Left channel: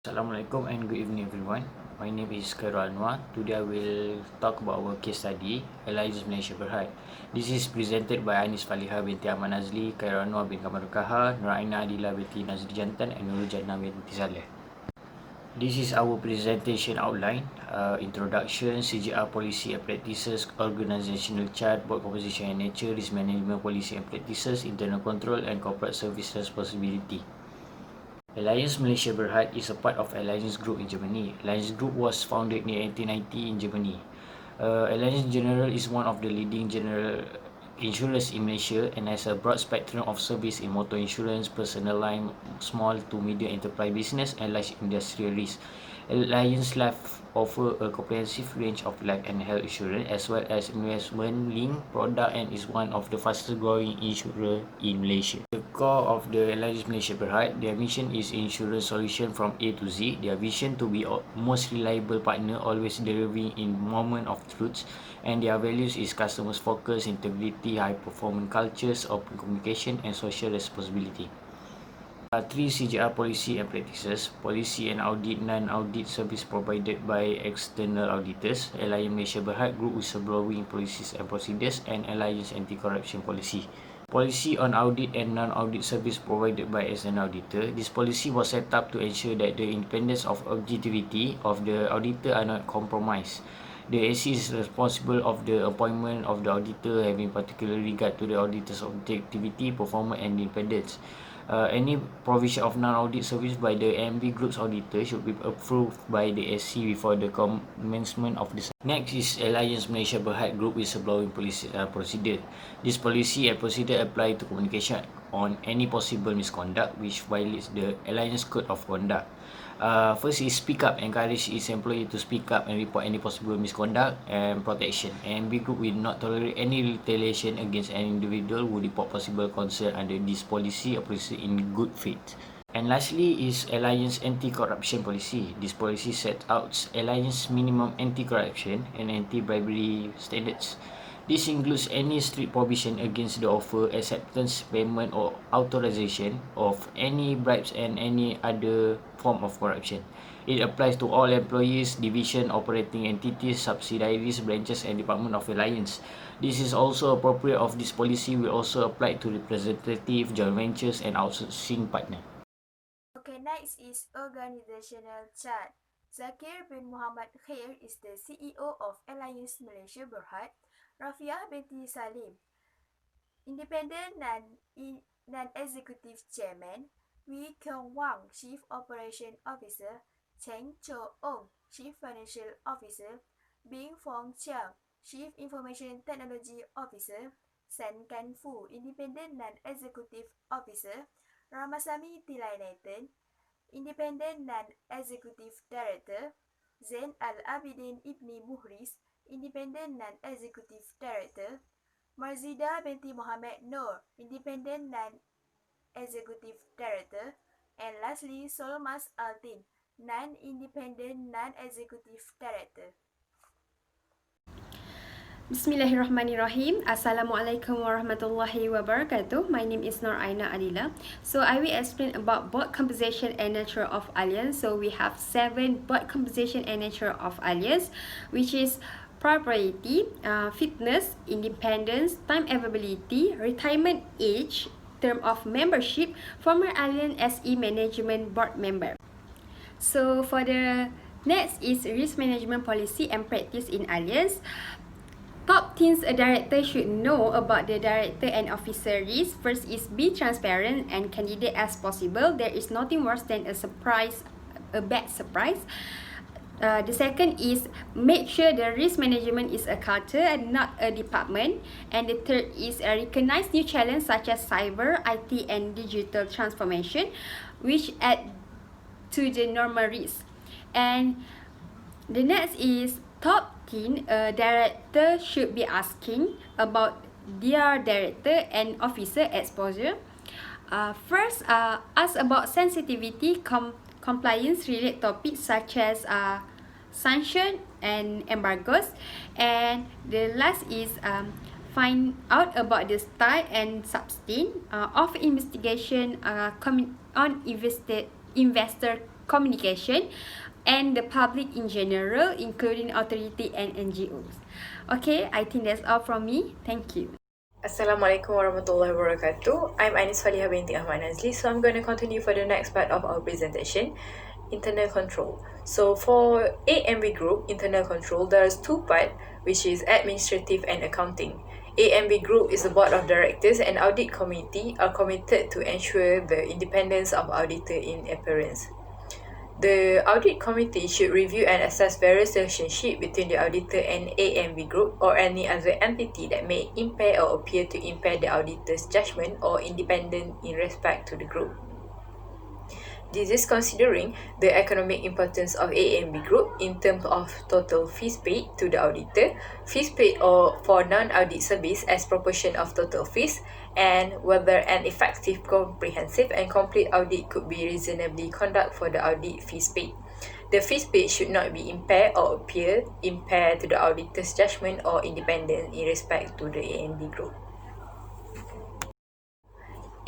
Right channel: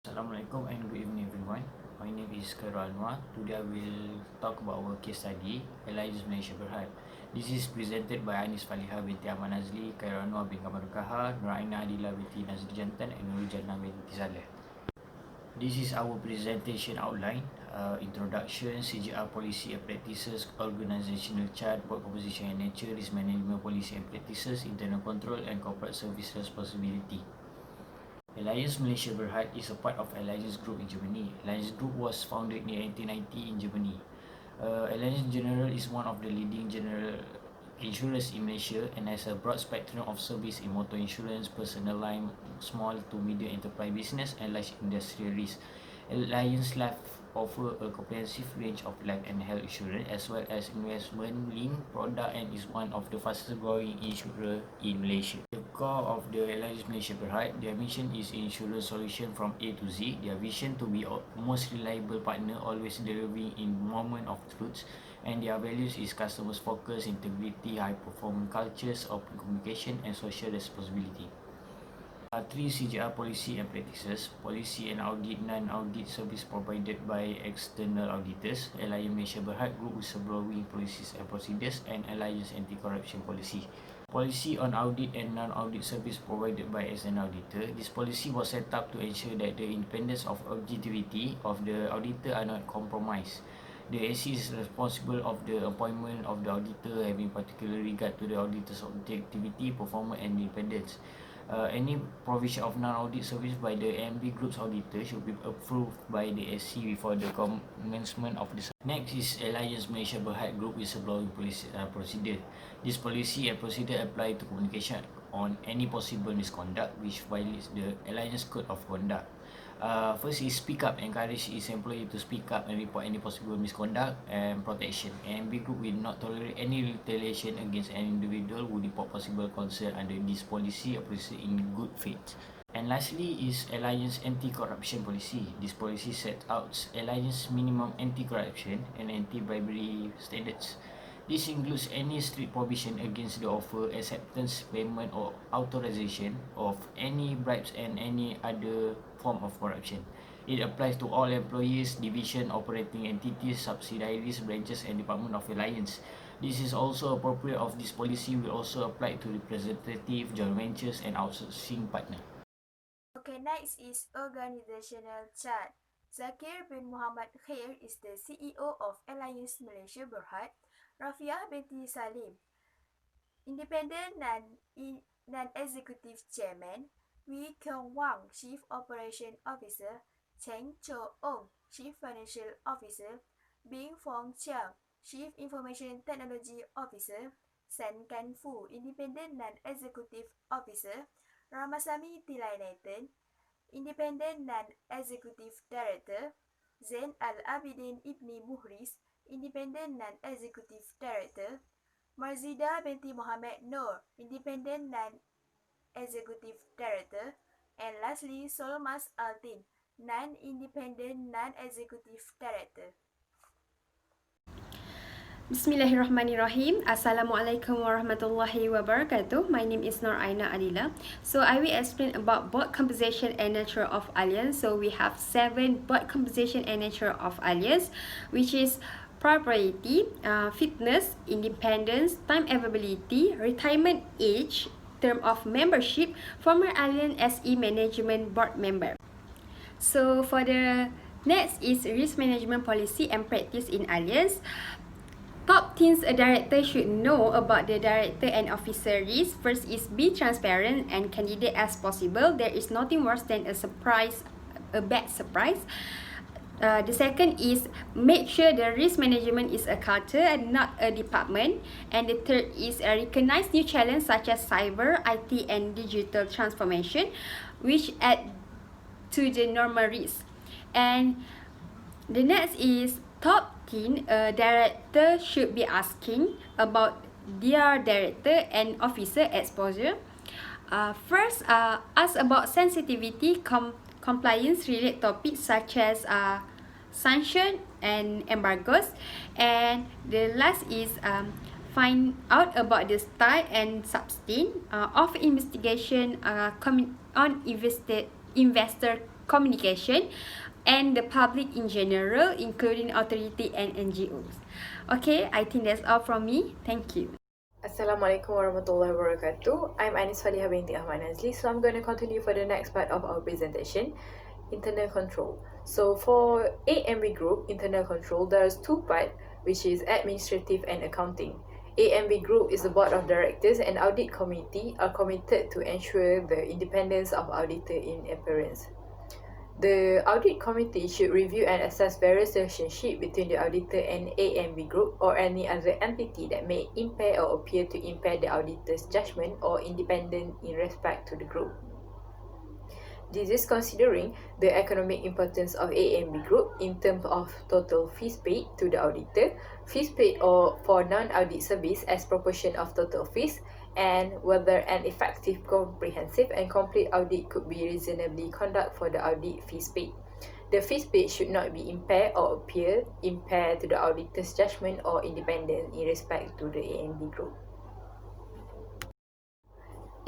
Assalamualaikum and good evening everyone. My name is Anwar. Today I will talk about our case study, Allianz Malaysia Berhad. This is presented by Anis Faliha binti Ahmad Nazli, Anwar bin Kamal Kaha, Nuraina Adila binti Nazri Jantan and Nurul Jannah binti Saleh. This is our presentation outline, introduction, CGR policy and practices, organizational chart, board composition and nature, risk management policy and practices, internal control and corporate service responsibility. Allianz Malaysia Berhad is a part of Allianz Group in Germany. Allianz Group was founded in 1890 in Germany. Allianz General is one of the leading general insurers in Malaysia and has a broad spectrum of service in motor insurance, personal line, small to medium enterprise business and large industrial risk. Allianz Life offer a comprehensive range of life and health insurance as well as investment-linked product and is one of the fastest-growing insurer in Malaysia. The core of the Allianz Malaysia Berhad, their mission is insurance solution from A to Z. Their vision to be most reliable partner, always delivering in moment of truth, and their values is customers focus, integrity, high performance cultures, open communication, and social responsibility. Three CGR policy and practices. Policy and audit, non-audit service provided by external auditors. Allianz Malaysia Berhad Group whistleblowing policies and procedures, and Allianz anti-corruption policy. Policy on audit and non-audit service provided by external auditor. This policy was set up to ensure that the independence of objectivity of the auditor are not compromised. The AC is responsible of the appointment of the auditor, having particular regard to the auditor's objectivity, performance and independence. Any provision of non-audit service by the AMB Group's auditor should be approved by the SC before the commencement of the. Next is Allianz Malaysia Berhad Group whistleblowing procedure. This policy and procedure apply to communication on any possible misconduct which violates the Alliance Code of Conduct. First is speak up, encourage its employee to speak up and report any possible misconduct and protection. AMB Group will not tolerate any retaliation against an individual who report possible concern under this policy or policy in good faith. And lastly is Alliance anti-corruption policy. This policy sets out Alliance minimum anti-corruption and anti-bribery standards. This includes any strict provision against the offer, acceptance, payment or authorization of any bribes and any other form of corruption. It applies to all employees, division, operating entities, subsidiaries, branches and department of Alliance. This is also appropriate of this policy will also apply to representative, joint ventures and outsourcing partner. Okay, next is organizational chart. Zakir bin Muhammad Khair is the CEO of Allianz Malaysia Berhad. Rafiah binti Salim, Independent Non-Executive Chairman. Wee Kyung Wang, Chief Operation Officer. Cheng Cho Ong, Chief Financial Officer. Bing Fong Chiang, Chief Information Technology Officer. San Kan Fu, Independent Non-Executive Officer. Ramasamy Tilai Nathan, Independent Non-Executive Director. Zainal Abidin Ibni Muhris, Independent Non-Executive Director. Marzida binti Muhammad Noor, Independent Non-Executive Director. And lastly, Solmas Altin, Non-Independent Non-Executive Director. Bismillahirrahmanirrahim. Assalamualaikum warahmatullahi wabarakatuh. My name is Nuraina Adila. So I will explain about board composition and nature of Allianz. So we have 7 board composition and nature of Allianz, which is propriety, fitness, independence, time availability, retirement age, term of membership, former Allianz SE management board member. So for the next is risk management policy and practice in Allianz. Top things a director should know about the director and officer risk. First is be transparent and candid as possible. There is nothing worse than a bad surprise. The second is make sure the risk management is a culture and not a department. And the third is recognize new challenges such as cyber, IT and digital transformation, which add to the normal risk. And the next is top 10 a director should be asking about their director and officer exposure. First, ask about sensitivity, compliance related topics such as sanction and embargoes. And the last is find out about the style and substance of investigation on investor communication, and the public in general, including authority and NGOs. Okay, I think that's all from me. Thank you. Assalamualaikum warahmatullahi wabarakatuh. I'm Anis Faliha binti Ahmad Nazli. So I'm going to continue for the next part of our presentation, internal control. So for AMB Group, internal control, there's two parts, which is administrative and accounting. AMB Group is the board of directors and audit committee are committed to ensure the independence of auditor in appearance. The audit committee should review and assess various relationships between the auditor and AMB Group or any other entity that may impair or appear to impair the auditor's judgment or independence in respect to the group. This is considering the economic importance of AMB Group in terms of total fees paid to the auditor, fees paid or for non-audit service as proportion of total fees, and whether an effective, comprehensive and complete audit could be reasonably conducted for the audit fees paid. The fees paid should not be impaired or appear impaired to the auditor's judgment or independence in respect to the AMB Group.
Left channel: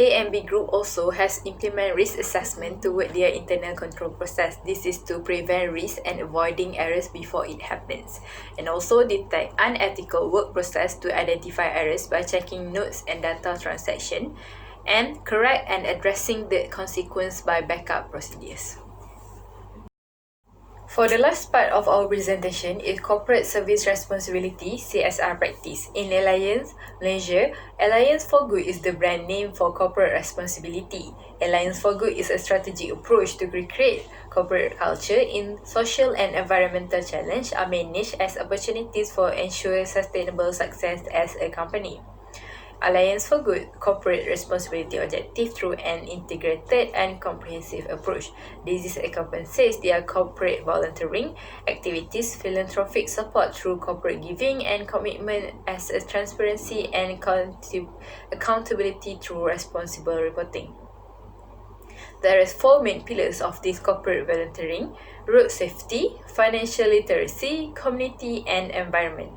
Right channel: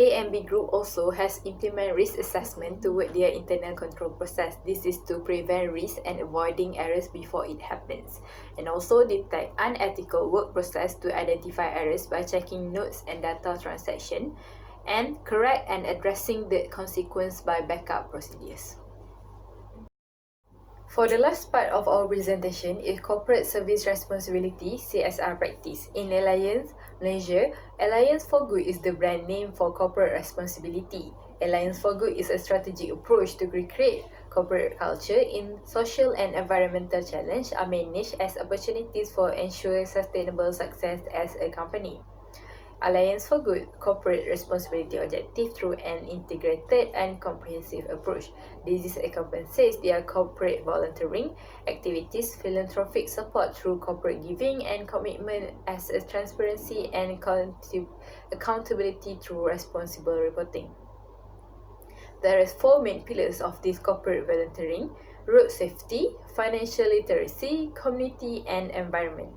AMB Group also has implemented risk assessment toward their internal control process. This is to prevent risk and avoiding errors before it happens, and also detect unethical work process to identify errors by checking notes and data transaction, and correct and addressing the consequence by backup procedures. For the last part of our presentation is Corporate Service Responsibility (CSR) practice. In Allianz Malaysia, Alliance for Good is the brand name for corporate responsibility. Alliance for Good is a strategic approach to recreate corporate culture in social and environmental challenge are managed as opportunities for ensure sustainable success as a company. Alliance for Good corporate responsibility objective through an integrated and comprehensive approach. This encompasses their corporate volunteering activities, philanthropic support through corporate giving, and commitment as a transparency and accountability through responsible reporting. There are four main pillars of this corporate volunteering: road safety, financial literacy, community, and environment.